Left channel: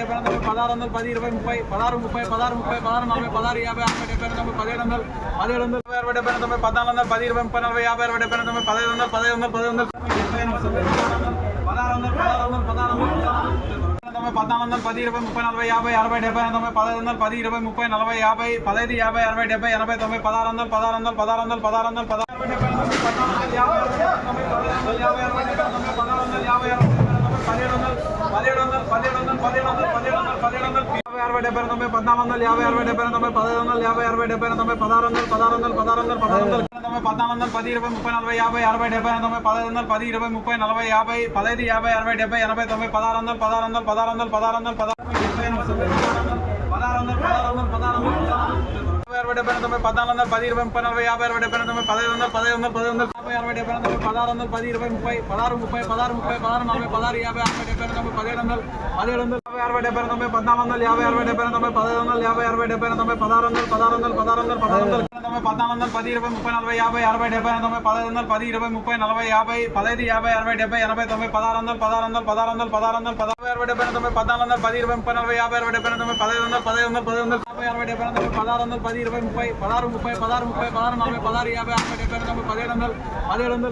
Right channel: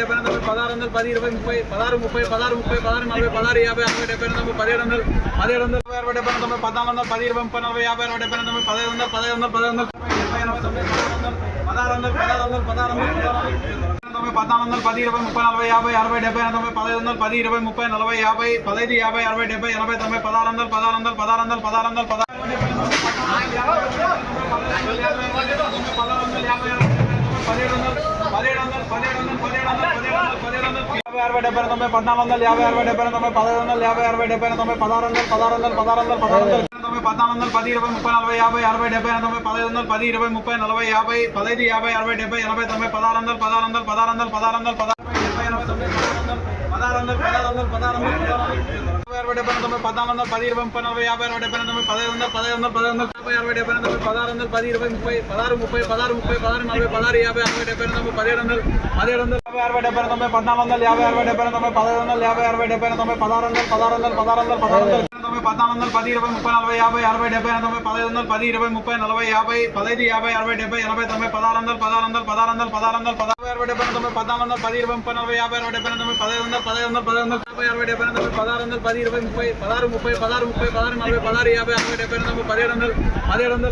డెబ్బై తొమ్మిది 16 వందలు 10 20 30 16 30 16 30 16 40 16 50 60 70 తొమ్మిది 17 వందలు 17 వందలు 60 70 తొమ్మిది 14 వందలు 10 20 30 40 50 60 70 తొమ్మిది 15 వందలు 15 వందలు 15 వందలు 16 వందలు 16 వందలు 16 వందలు 14 వందలు 10 20 30 40 50 60 70 తొమ్మిది 15 వందలు 10 20 30 40 50 15 50 60 70 80 తొమ్మిది 16 వందలు 16 వందలు 16 వందలు 16 వందలు 17 వందలు